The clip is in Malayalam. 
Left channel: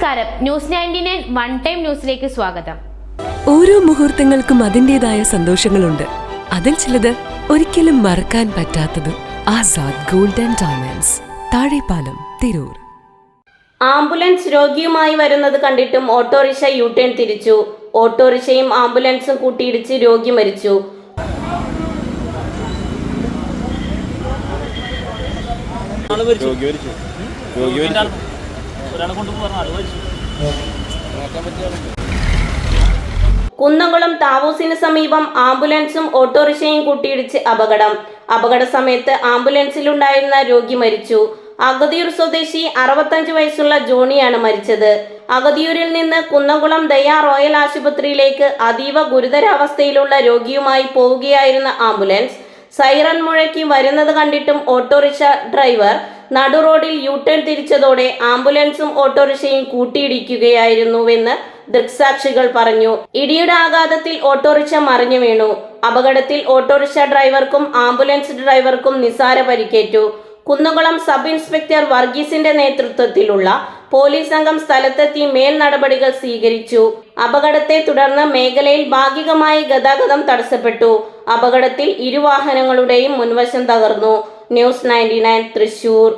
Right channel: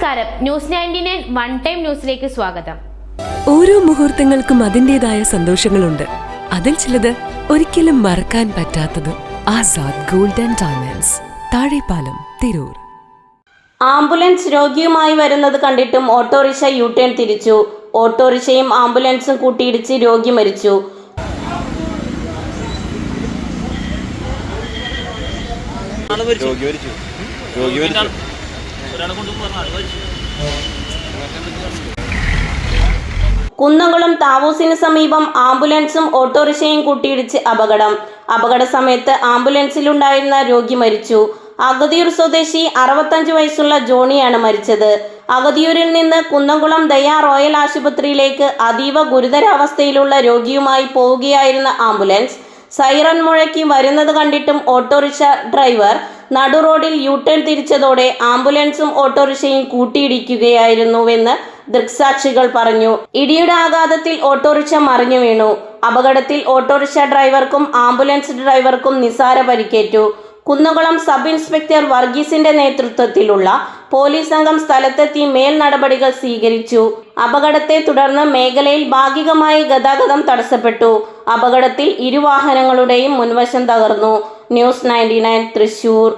നമസ്കാരം, ന്യൂസ് 99 വൺ ടൈം ന്യൂസിലേക്ക് സ്വാഗതം. ഓരോ മുഹൂർത്തങ്ങൾക്കും അതിൻ്റെതായ സന്തോഷങ്ങളുണ്ട്. അതിൽ ചിലത് ഒരിക്കലും മറക്കാൻ പറ്റാത്തതും. Azad gold and diamonds, Thazhepalam, Tirur. Ambulance രോഗിയുമായി വരുന്നത് കണ്ടിട്ടും ഓട്ടോറിക്ഷ യു-ടേൺ തിരിച്ചു. ഓട്ടോറിക്ഷയും ആംബുലൻസും കൂട്ടിയിടിച്ച് രോഗി മരിച്ചു. കുന്നംകുളം താവൂസിന് സമീപം ആംബുലൻസും ഓട്ടോറിക്ഷയും കൂട്ടിയിടിച്ച് അപകട സമയത്ത് ആംബുലൻസിലുണ്ടായിരുന്ന രോഗി മരിച്ചു. അഗതിയൂർ സ്വദേശി 65 വയസ്സുള്ള ജോണിയാണ് മരിച്ചത്. അഗതിയൂരിൽ നിന്ന് കുന്നംകുളം ദയ റോയൽ ആശുപത്രിയിലേക്ക് അതീവ ഗുരുതരാവസ്ഥയിലുള്ള രോഗിയുമായി പോവുകയായിരുന്ന ആംബുലൻസ് സൈറൺ മുഴക്കി വരുന്നത് കണ്ടിട്ടും ഓട്ടോറിക്ഷ ഡ്രൈവർ നടു റോഡിൽ യു-ടേൺ തിരിച്ചതോടെ ആംബുലൻസും ഓട്ടോറിക്ഷയും കൂട്ടിയിടിക്കുകയായിരുന്നുവെന്ന് ദൃക്സാക്ഷികൾ പറഞ്ഞു. ഇടിയുടെ ആഘാതത്തിൽ ഓട്ടോറിക്ഷ മറിഞ്ഞു വീണു. അപകടത്തിൽ ഓട്ടോറിക്ഷ ഡ്രൈവർക്കും ആംബുലൻസ് ഡ്രൈവർക്കും നിസാര പരിക്കേറ്റു. കുന്നംകുളം സബ് ഇൻസ്പെക്ടർ വർഗീസിന്റെ നേതൃത്വത്തിലുള്ള പോലീസ് സംഘം സ്ഥലത്തെത്തി മേൽ നടപടികൾ സ്വീകരിച്ചു. അപകടത്തെ തുടർന്ന് മേഖലയിൽ ഭാഗികമായി ഗതാഗതം തടസ്സപ്പെട്ടു. അപകടത്തിൽ ഇരുവാഹനങ്ങളുടെയും മുൻവശം തകർന്നു. ന്യൂസ് 99 തൃശൂർ.